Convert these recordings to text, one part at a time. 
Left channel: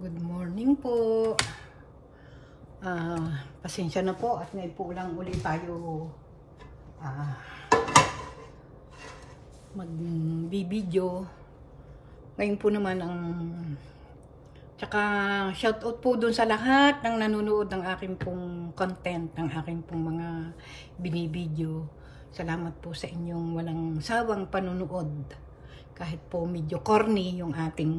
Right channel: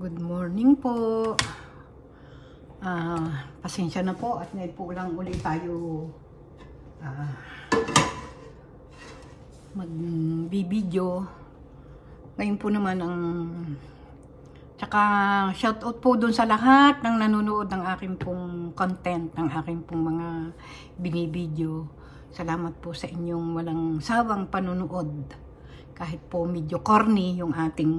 Good morning po. Pasensya na po at ngayon po lang ulit tayo magbibideo. Ngayon po naman tsaka shout out po dun sa lahat ng nanonood ng aking pong content, ng aking pong mga binibideo. Salamat po sa inyong walang sawang panunood. Kahit po medyo corny yung ating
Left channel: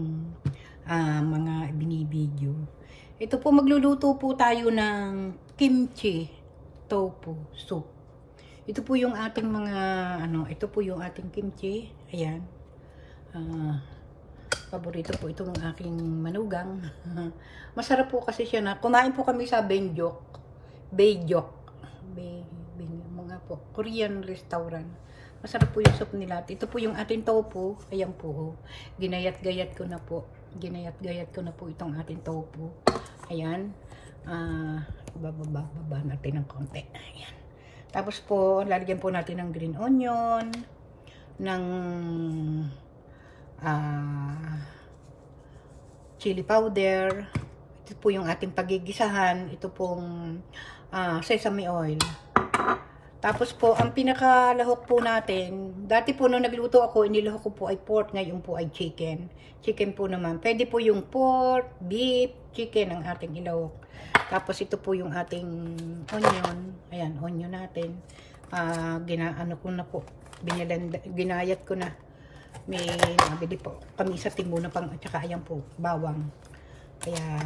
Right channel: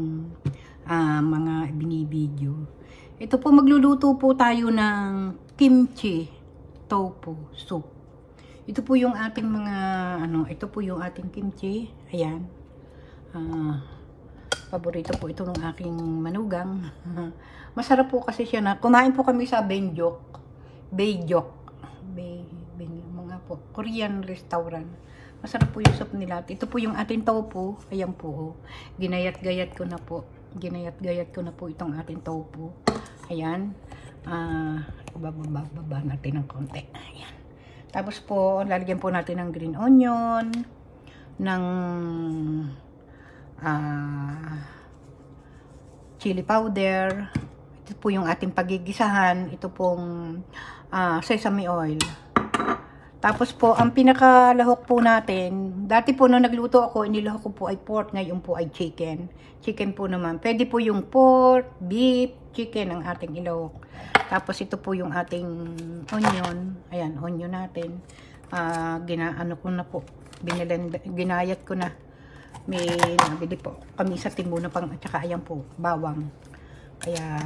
mga binibideo. Ito po, magluluto po tayo ng kimchi tofu soup. Ito po yung ating mga ito po yung ating kimchi. Ayan. Paborito po ito ng aking manugang. Masarap po kasi siya na. Kumain po kami sa Benjok. Mga po Korean restaurant. Masarap po yung soup nila. Ito po yung ating tofu. Ayan po. Ginayat-gayat ko na po. Ginayat-gayat ko na po itong ating tofu. Ayan. Bababa natin ng konti. Ayan. Tapos po, lalagyan po natin ng green onion, ng chili powder. Ito po yung ating pagigisahan. Ito pong sesame oil. Tapos po, ang pinakalahok po natin, dati po nung nagluto ako, inilahok ko po ay pork, ngayon po ay chicken. Chicken po naman. Pwede po yung pork, beef, chicken ang ating ilahok. Tapos ito po yung ating onion. Ayan, onion natin. Ginaano ko na po. Ginayat ko na. May nabili po kami sa Timuna pang, at saka ayan po, bawang. Kaya,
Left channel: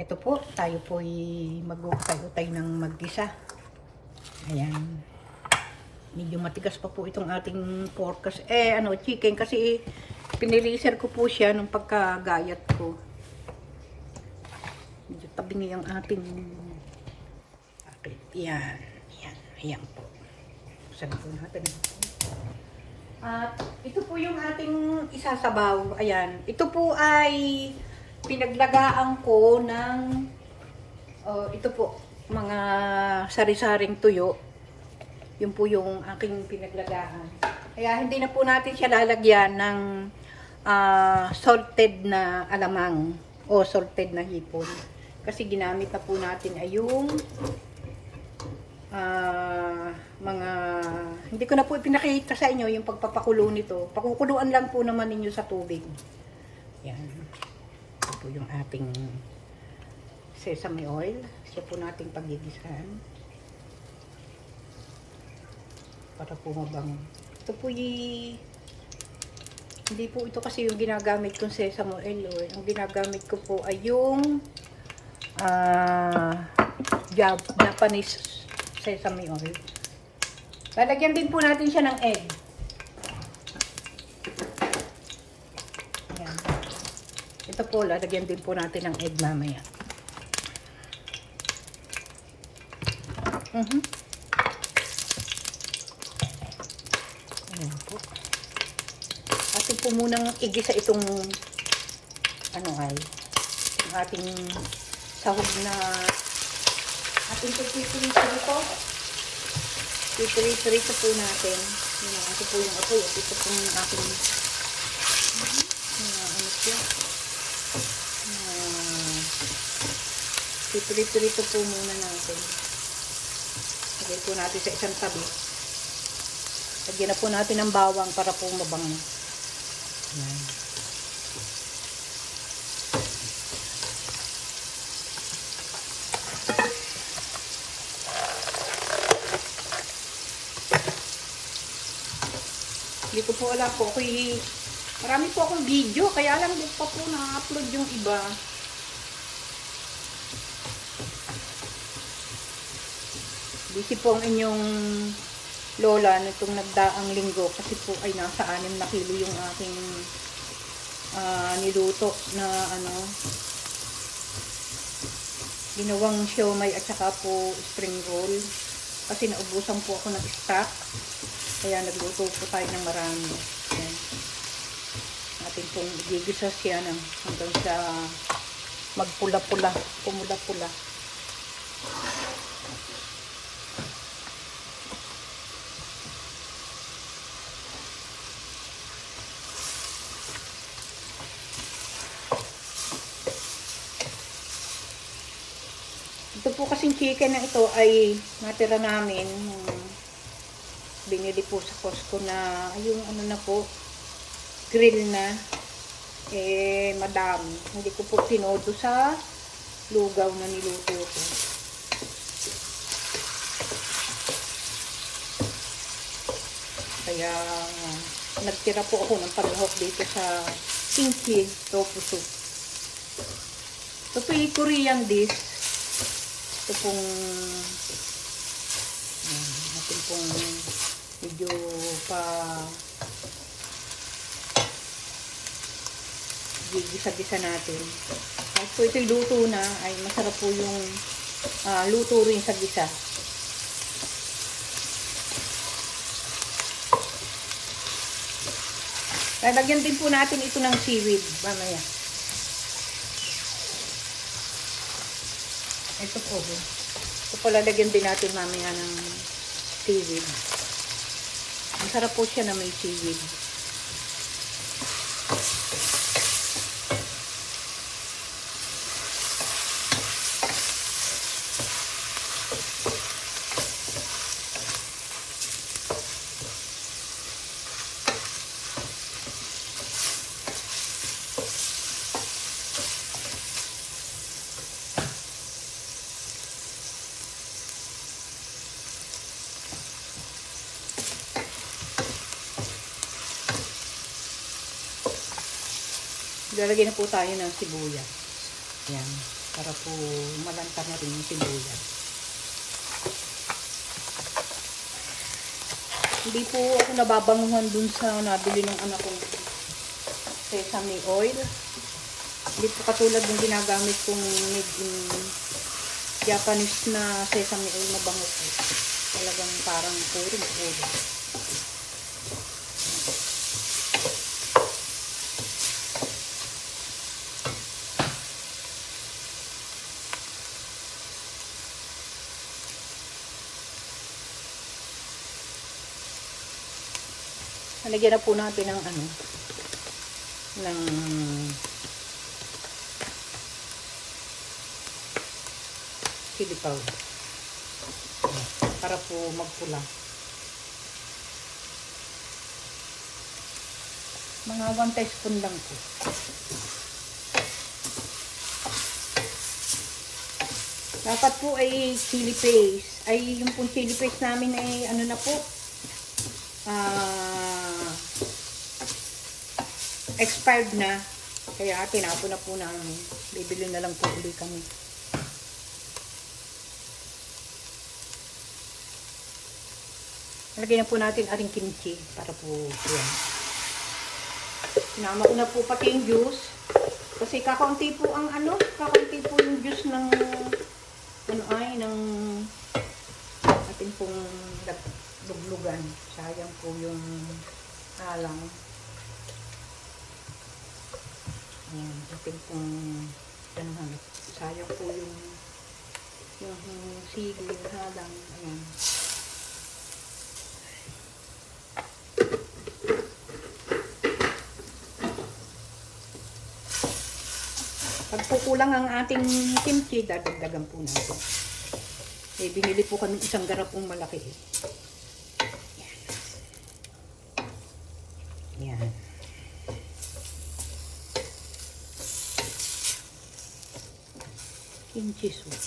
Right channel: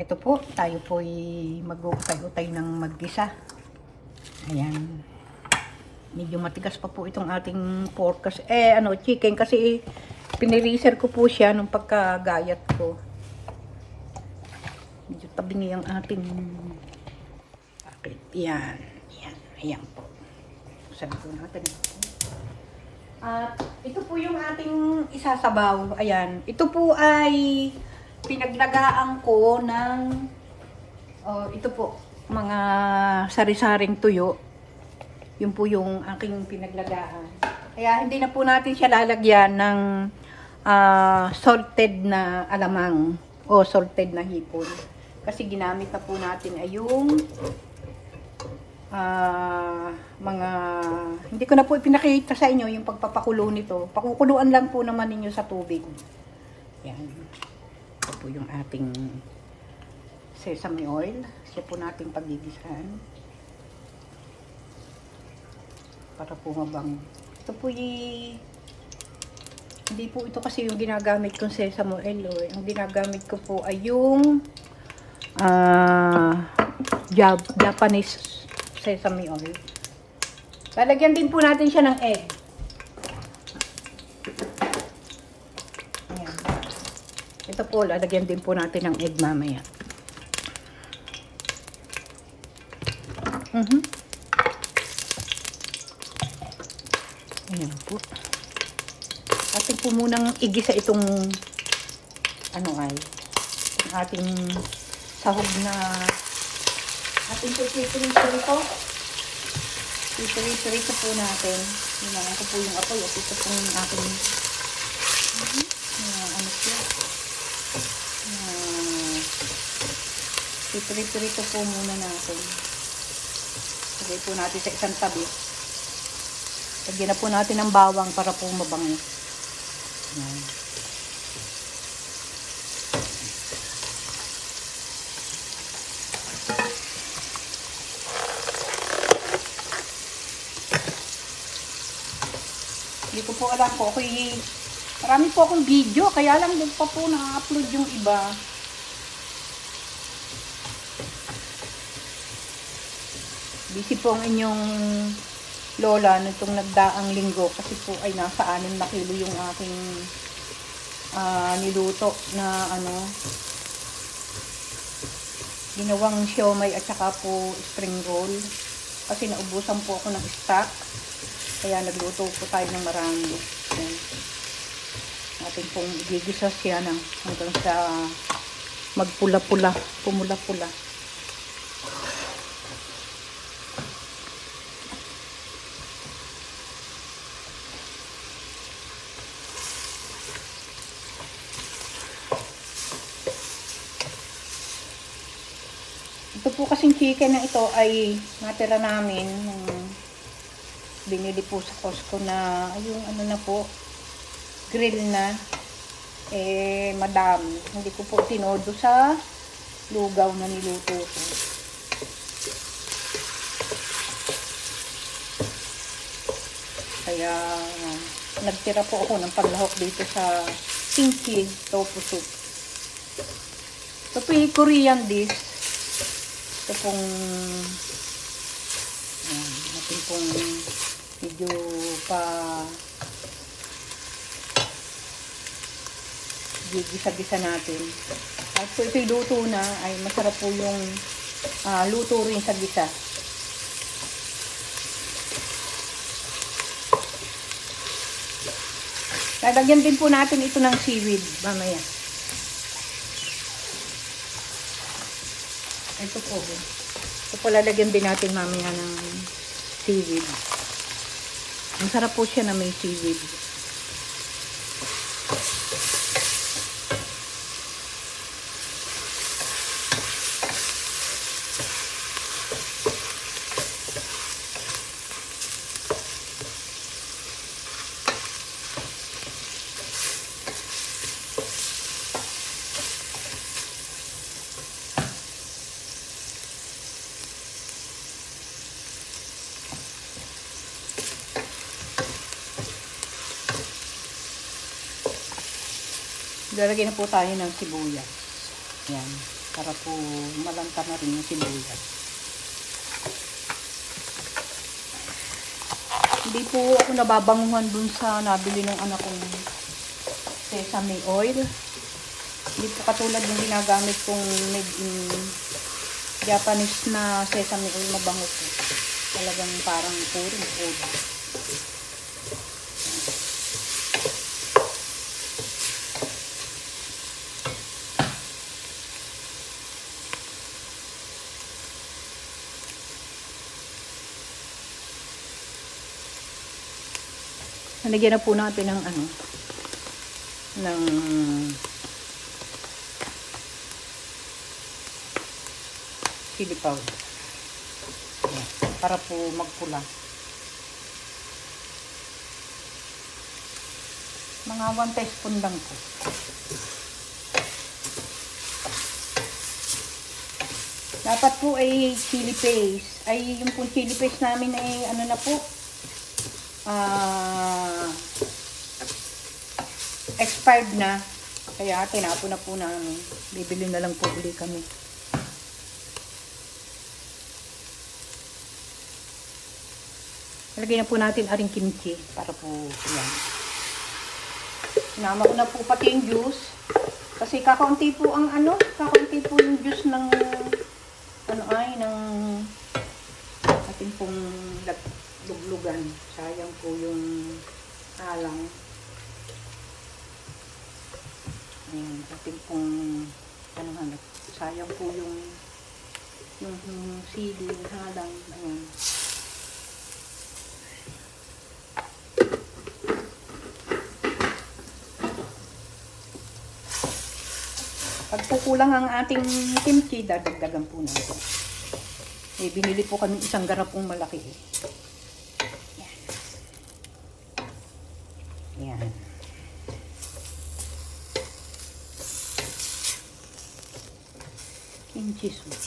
ito po, tayo po ay mag-utay-utay ng mag-gisa. Ayan. Medyo matigas pa po itong ating pork kasi, chicken kasi piniriser ko po siya nung pagkagayat ko. Medyo tabi niya ang ating pakit. Ayan. Ayan. Ayan po. Sabi po natin. At ito po yung ating isasabaw. Ayan. Ito po ay pinaglagaan ko ng ito po, mga sari-saring tuyo. Yun po yung aking pinaglagaan. Kaya hindi na po natin siya lalagyan ng salted na alamang o salted na hipon. Kasi ginamit na po natin ay yung mga, hindi ko na po ipinakita sa inyo yung pagpapakulo nito. Pakukuluan lang po naman ninyo sa tubig. Yan. Ito po yung ating sesame oil. Siya po nating pagigisahan. Para po mabang. Ito po hindi po ito kasi yung ginagamit kong sesame oil. Ang ginagamit ko po ay yung Japanese sesame oil. Lalagyan din po natin siya ng egg. Ayan. Ito po, lalagyan din po natin ng egg mamaya. Ayan po. Atin po munang igisa itong yung ating sahog na ating pipirito. Pipirito po natin. Ito po yung apoy at ito po yung ating pipirito po muna natin. Lagay po natin sa isang tabi. Lagyan na po natin ng bawang para po mabango. Hindi ko po alam po. Marami po akong video. Kaya lang din pa po na-upload yung iba. Busy po ang inyong lola nitong nagdaang linggo kasi po ay nasa 6 na kilo yung aking niluto na ginawang siomay at saka po spring roll kasi naubusan po ako ng stock kaya nagluto po tayo ng marami. Ayan. Ating pong gigisa siya hanggang sa magpula-pula, pumula-pula. po kasing chicken na ito ay natira namin nung binili po sa Costco na yung ano na po, grill na. Eh, madami. Hindi ko po tinodo sa lugaw na niluto ko. Kaya, nagtira po ako ng paglahok dito sa kimchi tofu soup. Ito po yung Korean dish. Ito pong natin pong medyo pa gisa-gisa natin. At so ito luto na ay masarap po yung luto rin sa gisa. Lalagyan din po natin ito ng seaweed. Mamaya. Ito po. Ito po lalagyan din natin mamaya ng seaweed. Ang sarap po siya na may seaweed. Lalagyan na po tayo ng sibuyas. Ayan. Para po malanta na rin yung sibuyas. Hindi po ako nababanguhan dun sa nabili ng anak kong sesame oil. Hindi po katulad ng ginagamit kong made in Japanese na sesame oil na bango po. Talagang parang puro. Nalagyan na po natin ng ng chili powder. Para po magpula. Mga 1 teaspoon lang po. Dapat po ay chili paste. Ay yung pong chili paste namin ay ano na po, expired na, kaya tinapon na po namin. Bibili na lang po ulit kami. Lagyan na po natin aring kimchi para po yan. Sinama ko na po pati yung juice kasi kakaunti po ang kakaunti po yung juice ng ng ating pong luglugan. Sayang po yung alang. Ayan, ating pong sayang po yung sili, halang. Ayan. Pag po kulang ang ating kimchi, dadagdagan po natin. Binili po kami isang garapong malaki. Ayan. Kimchi soup.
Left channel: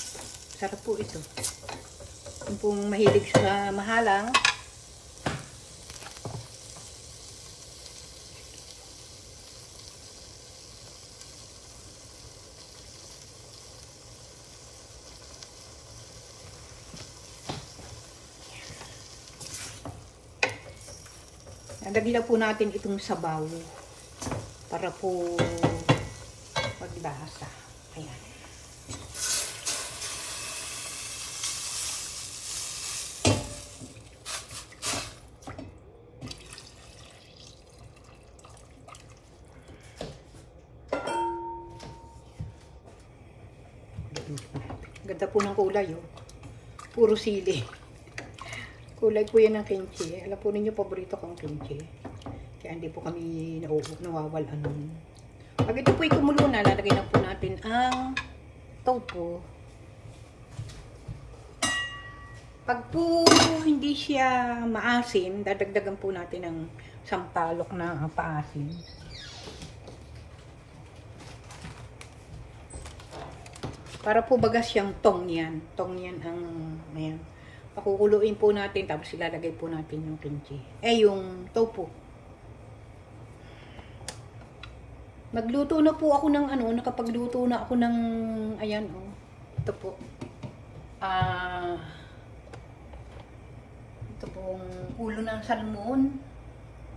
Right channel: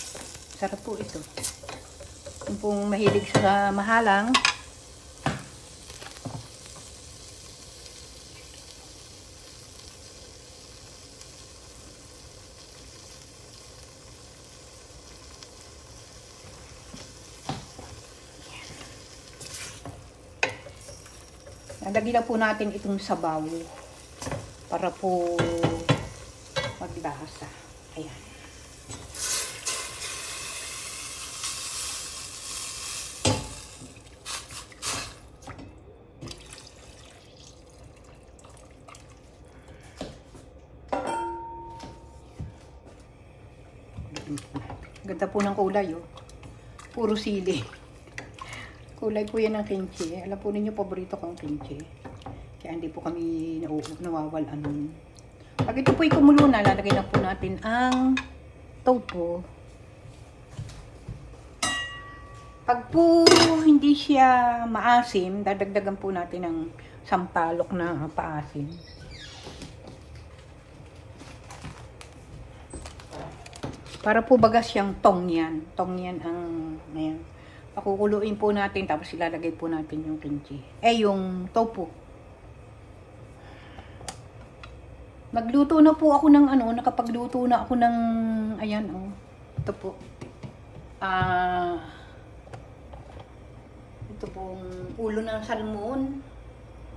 Sarap po ito. Kung pong mahilig sa mahalang, lagyan na po natin itong sabaw para po maglasa. Ayan. Ganda po ng kulay, oh. Puro sili. Kulay po yan ng kimchi. Alam po ninyo, paborito kong kimchi. Kaya hindi po kami nawawalan nun. Pag ito po ay kumulo na, lalagay na po natin ang tofu. Pag po hindi siya maasim, dadagdagan po natin ng sampalok na paasim. Para po bagas siyang tong yan. Tong yan ang, ayan. Pakukuluin po natin, tapos ilalagay po natin yung kimchi. Yung tofu. Nagluto na po ako ng nakapagluto na ako ng, ayan ito po. Ito pong ulo ng salmon.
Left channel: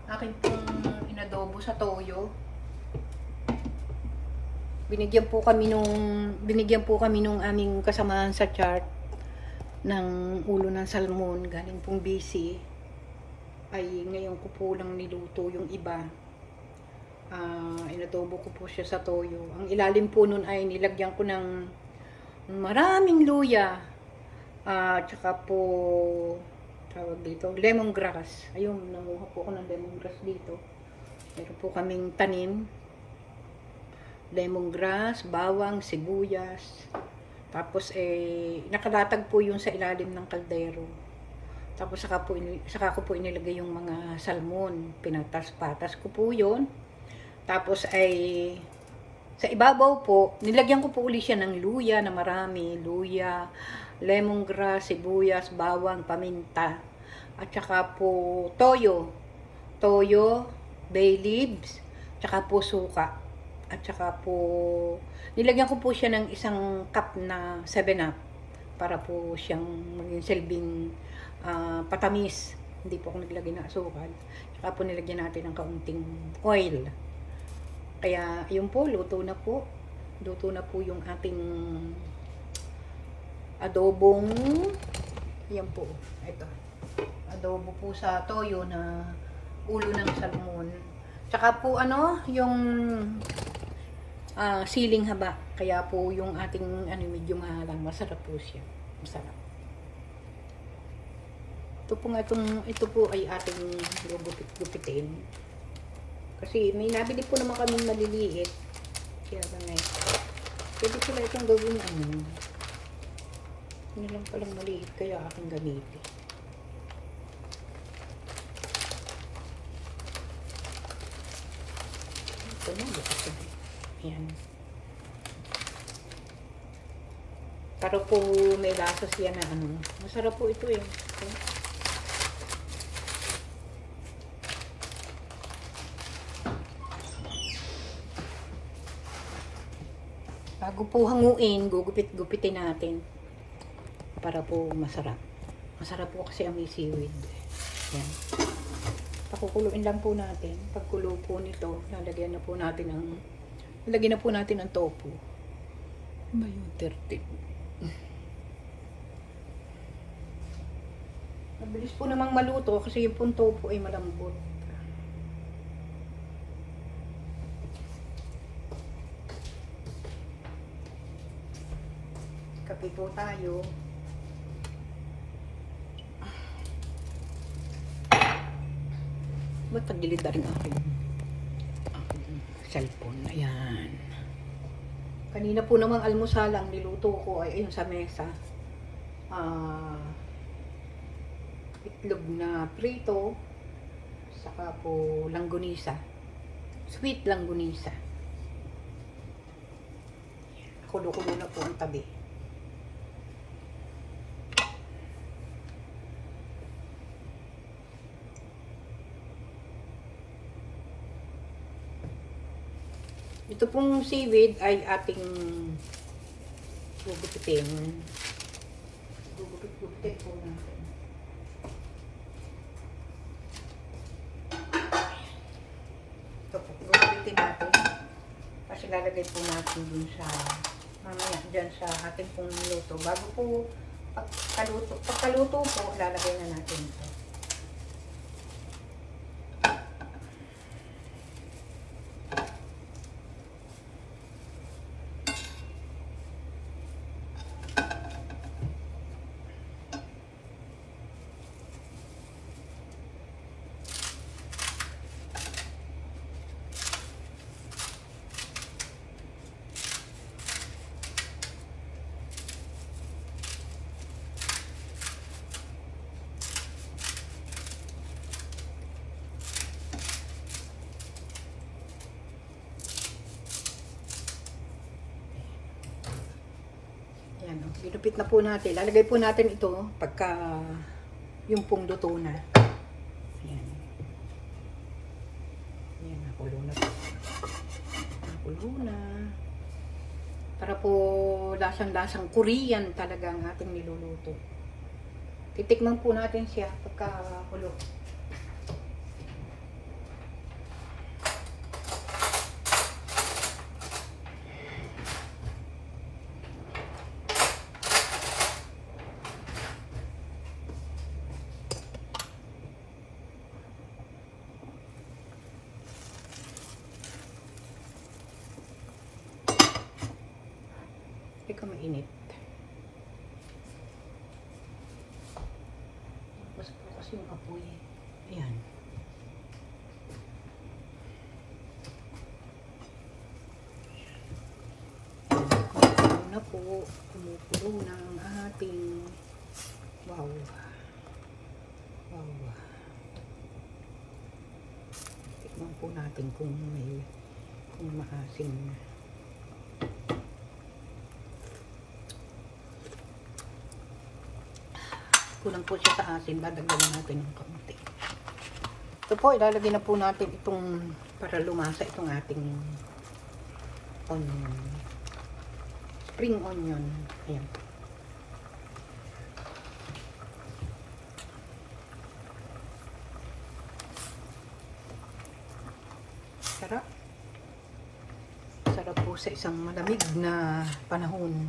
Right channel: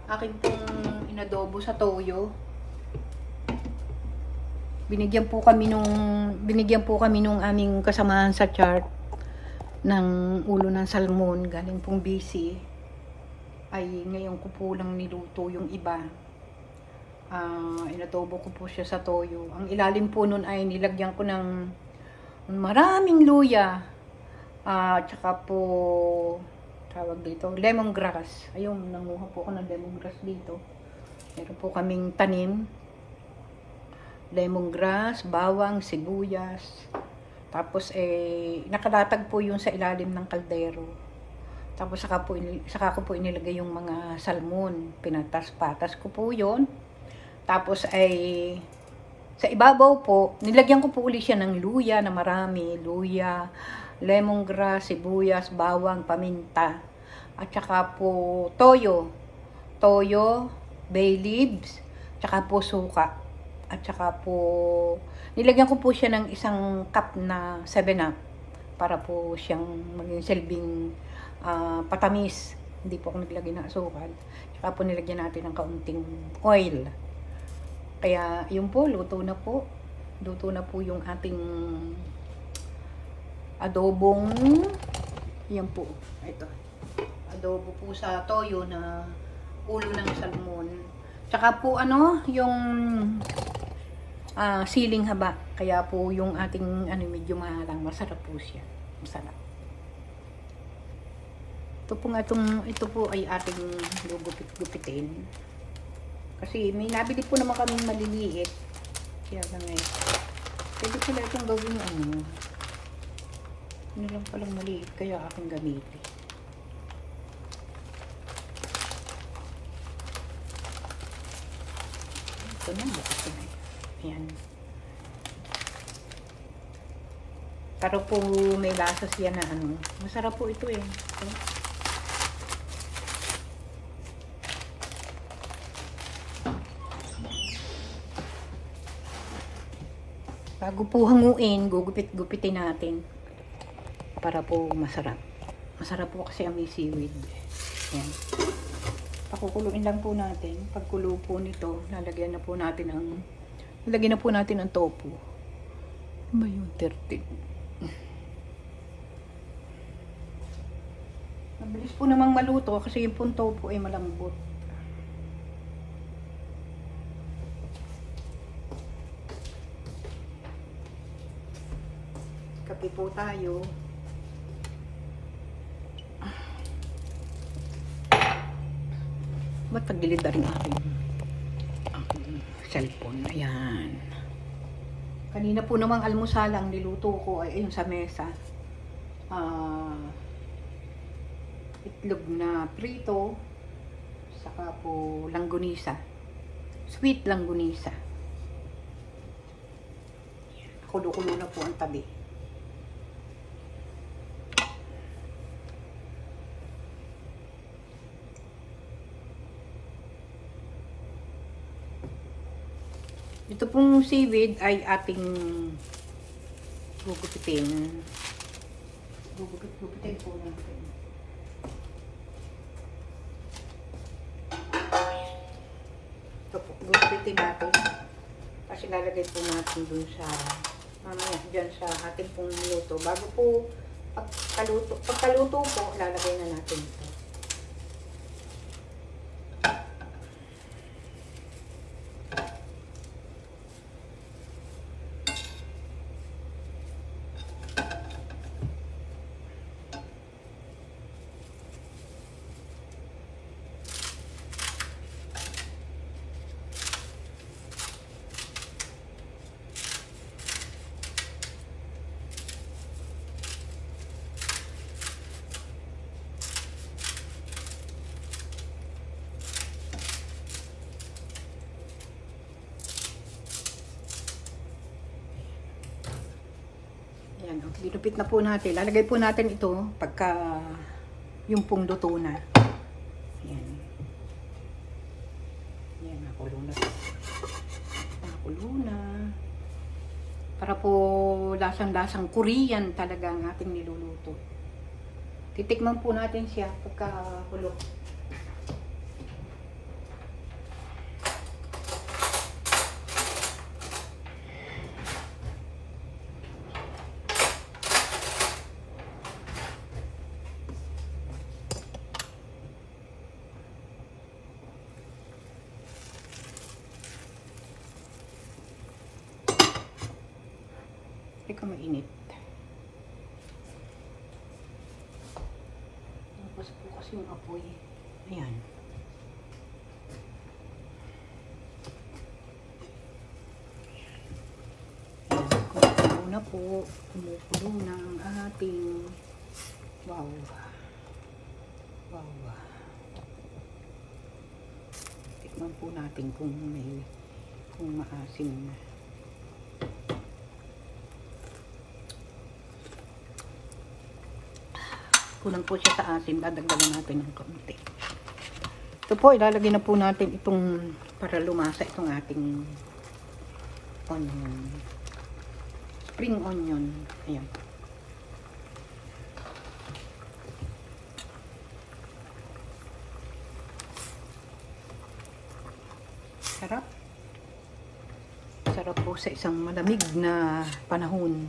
Akin pong inadobo sa toyo. Binigyan po kami nung aming kasamahan sa chart ng ulo ng salmon. Galing pong busy. Ay ngayon ko po lang niluto yung iba. Inadobo ko po siya sa toyo. Ang ilalim po nun ay nilagyan ko ng maraming luya. Tsaka po tawag dito, lemongrass. Ayun, namuha po ako ng lemongrass dito. Meron po kaming tanim. Lemongrass, bawang, sibuyas. Tapos nakalatag po yun sa ilalim ng kaldero. Tapos saka ko po inilagay yung mga salmon. Pinatas-patas ko po yun. Tapos sa ibabaw po, nilagyan ko po uli siya ng luya na marami. Luya, lemongrass, sibuyas, bawang, paminta, at saka po toyo, bay leaves, tsaka po suka, at saka po nilagyan ko po siya ng isang cup na 7-up para po siyang maging silbing patamis. Hindi po ako naglagay ng asukal. Tsaka po nilagyan natin ng kaunting oil. Kaya yun po, luto na po yung ating adobong, yan po, ito, adobo po sa toyo na ulo ng salmon. Tsaka po yung siling haba, kaya po yung ating medyo mahalang, masarap po siya, masarap. Ito po ay ating gugupit-gupitin. Kasi may nabili po naman kaming maliliit. Kaya ganyan. Pwede sila itong gawin Ano lang palang maliit, kaya aking gamitin. Ito na, bukas na. Ayan. Pero po may lasa siya na masarap po ito Okay? Bago po hanguin, gugupit-gupitin natin para po masarap. Masarap po kasi ang may seaweed. Yan. Pakukuluin lang po natin. Pagkulo po nito, lalagyan na po natin ang tofu. May 30. Mabilis po namang maluto kasi yung pong tofu ay malambot. Kape po tayo. Ba't tagilid na rin aking cellphone? Ayan. Kanina po namang almusal ang niluto ko ay ayun sa mesa. Itlog na prito. Saka po langgunisa. Sweet langgunisa. Kulo-kulo na po ang tabi. Ito pong seaweed ay ating gugupitin. Gugupitin po natin. Ito po, gugupitin natin. Kasi lalagay po natin dun sa, mamaya, dyan sa ating pong luto. Bago po, pagkaluto po, lalagay na natin ito. Ayan, okay. Ilupit na po natin. Lalagay po natin ito pagka yung pong luto na. Ayan. Ayan, nakulo na. Nakulo na. Para po lasang-lasang Korean talaga ang ating niluluto. Titikman po natin siya pagka kulo. Hindi ka mainit. Tapos bukas yung apoy. Ayan. Kumukulo na po. Kumukulo na ang ating wow. Wow. Tikman po natin kung maasim na. Kulang po siya sa asin, dadagdagan natin ng kaunti. Ito po, ilalagay na po natin itong para lumasa itong ating onion. Spring onion. Ayan. Sarap. Sarap po sa isang malamig na panahon.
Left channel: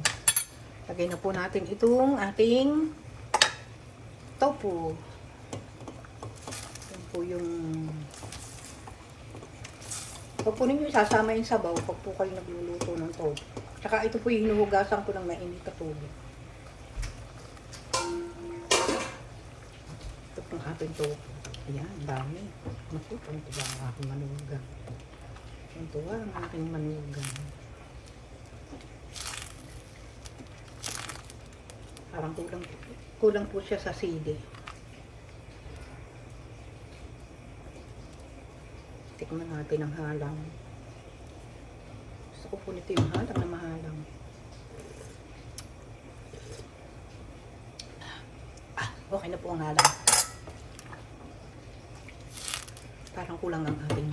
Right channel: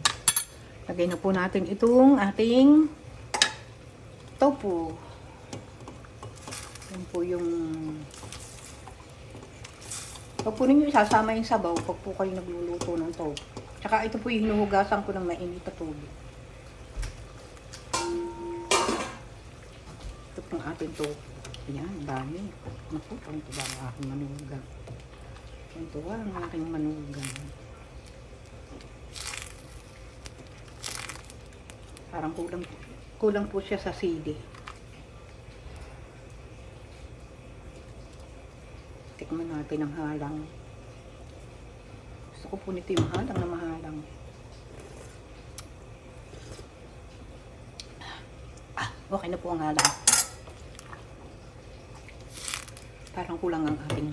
Lagay na po natin itong ating tofu. Yan po yung pag po ninyo sasama yung sabaw pag po kayo nagluluto ng tofu. Tsaka ito po yung hinuhugasan ko ng mainit na tubig. Ito pong ating tofu. Ayan, dami. Naku, ito ba ang aking manugang. Ito ba ang aking manugang. Parang kulang po siya sa sili. Tikman natin ang halang. Gusto ko po nito yung halang na mahalang. Okay na po ang halang. Parang kulang ang ating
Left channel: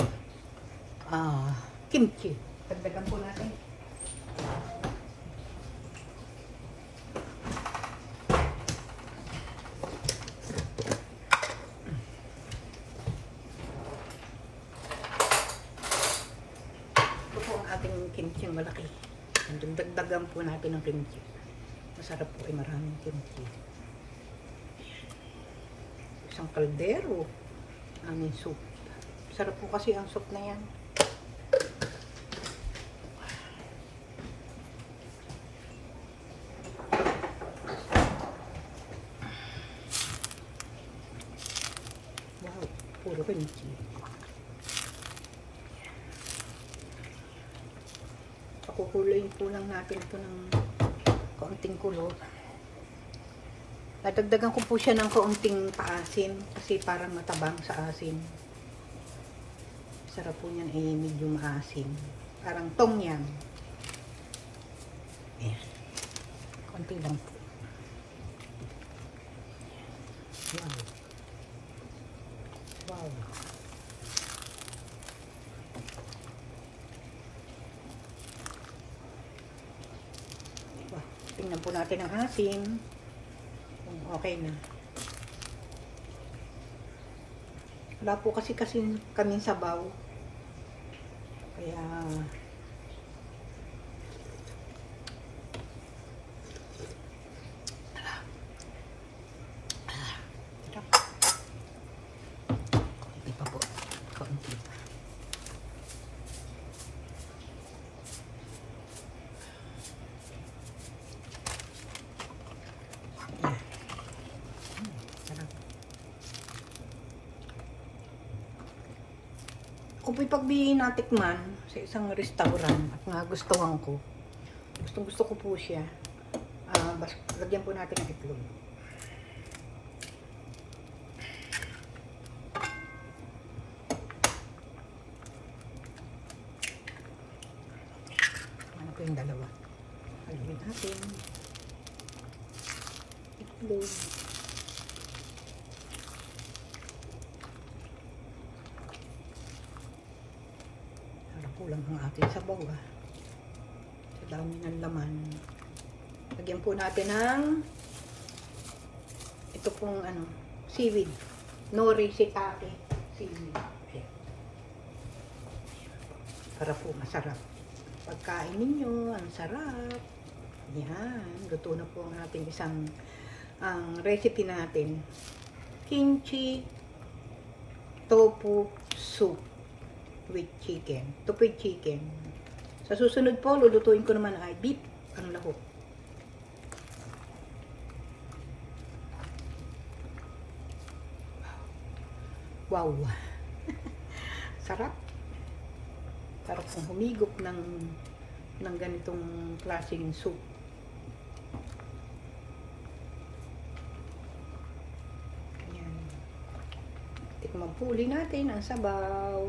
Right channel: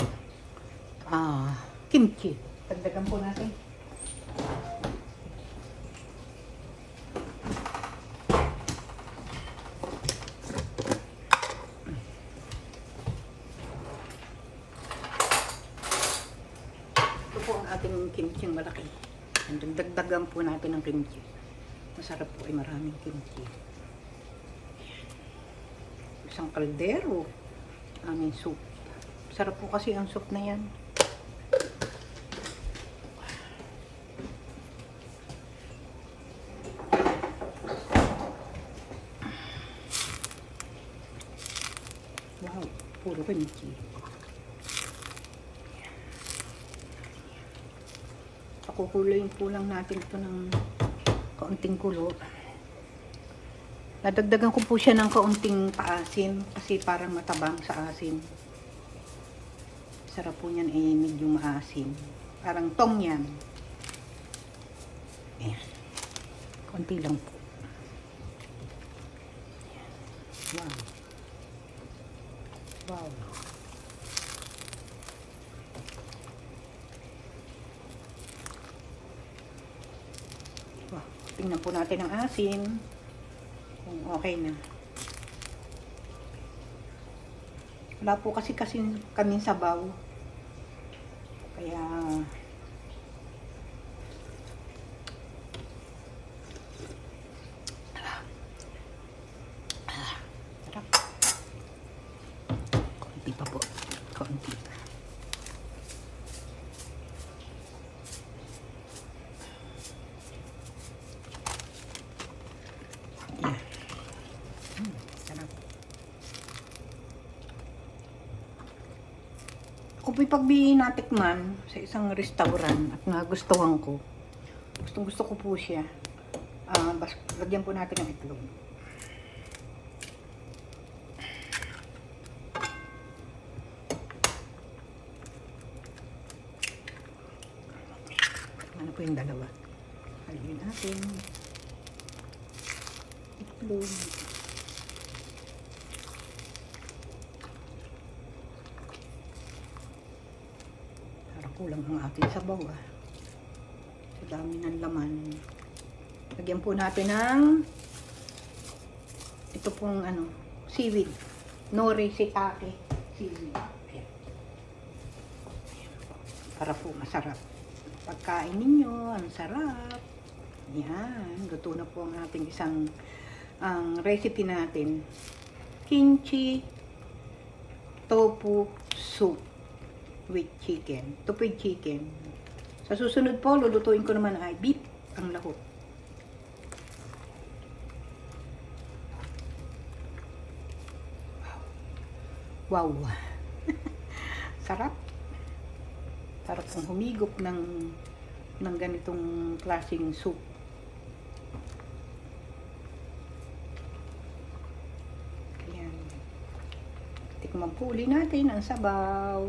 kimchi. Dagdagan po natin. Ating kimchi malaki. Dagdagan po natin ng kimchi. Masarap po ay maraming kimchi. Isang kaldero. Aming soup. Sarap po kasi yung soup na yan. Wow, puro kimchi. Kukulayin po lang natin ito ng kaunting kulo. Nadagdagan ko po siya ng kaunting paasin kasi parang matabang sa asin. Sarap po niyan ay medyo maasin. Parang tom yan. Ayan. Kaunti lang po. Wow. Wow. Tingnan po natin ang asin. Kung okay na. Wala po kasi kaming sabaw. Kaya kaunti pa po. Kaunti. Kung pagbi natikman sa isang restaurant at nagustuhan ko, gusto ko po siya, lagyan po natin ng itlog. Ano po yung dalawa? Halagyan natin. itlog. Kulang ang ating sabaw sa dami ng laman. Lagyan po natin ng ito pong seaweed, nori shiitake seaweed. Ayan. Para po masarap pagkain ninyo, ang sarap. Yan, luto na po ang ating isang recipe natin, kimchi tofu soup with chicken. Tofu with chicken. Sa susunod po, lulutuin ko naman ay beef ang lahok. Wow! Sarap. Sarap kong humigop ng ganitong klaseng soup. Ayan. Tikman po uli natin ang sabaw.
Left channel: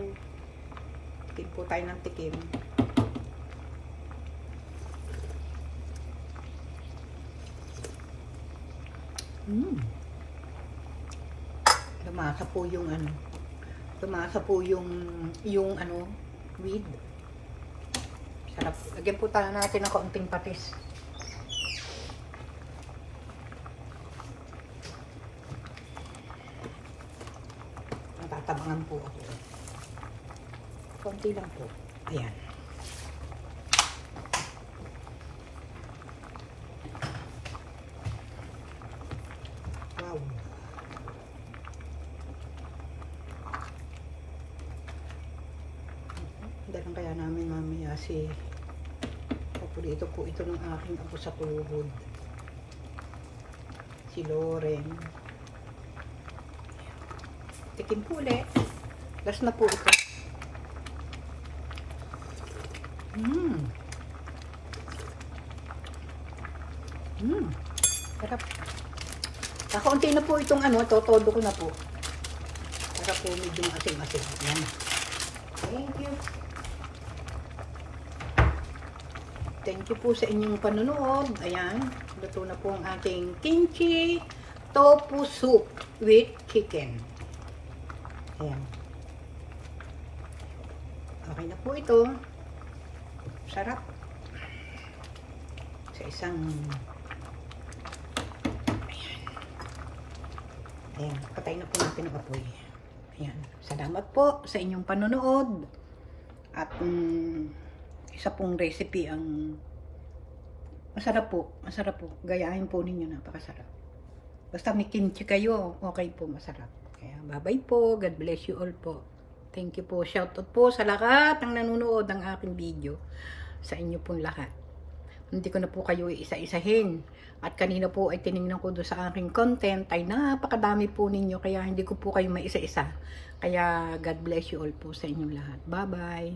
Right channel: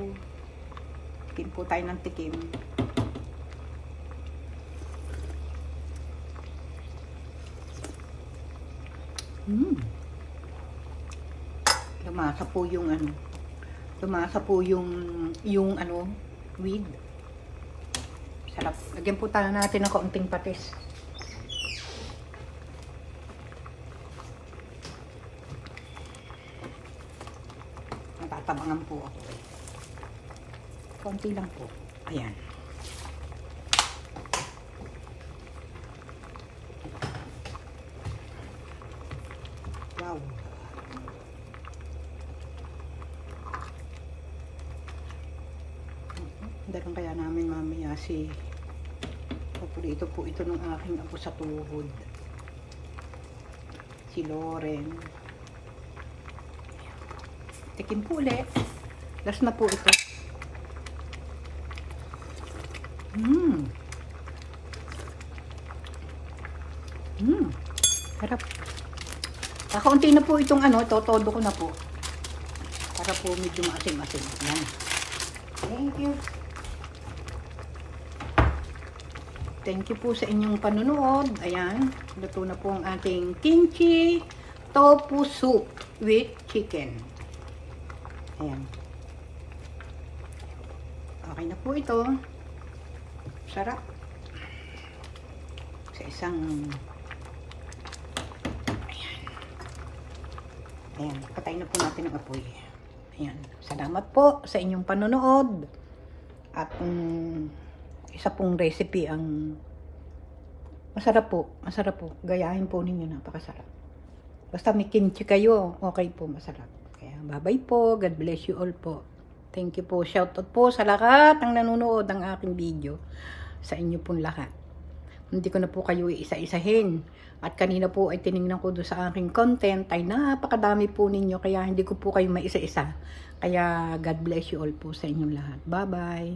Tikim po tayo ng tikim. Lumasa po yung lumasa po yung weed. Sarap. Lagyan po tayo natin ng kaunting patis. Ang tatabangan po ako. Konti lang po. Ayan. Wow. Dalang kaya namin mamaya si paborito po ito ng aking apo sa tuhod. Si Loren. Tikim po ulit. Last na po ito. Harap. Kakaunti na po itong todo ko na po. Para po medyo asin-asin. Thank you. Thank you po sa inyong panunood. Ayan. Luto na po ang aking kimchi tofu soup with chicken. Ayan. Okay na po ito. Sarap. Sa isang ayan. Patay na po natin ang apoy. Ayan. Salamat po sa inyong panonood. At isa pong recipe ang masarap po. Masarap po. Gayahin po ninyo. Napakasarap. Basta may kimchi kayo, okay po. Masarap. Kaya bye-bye po. God bless you all po. Thank you po. Shoutout po sa lahat ng nanonood ng aking video. Sa inyo pong lahat. Hindi ko na po kayo isa-isahin. At kanina po ay tinignan ko doon sa aking content ay napakadami po ninyo. Kaya hindi ko po kayo maisa-isa. Kaya God bless you all po sa inyong lahat. Bye-bye.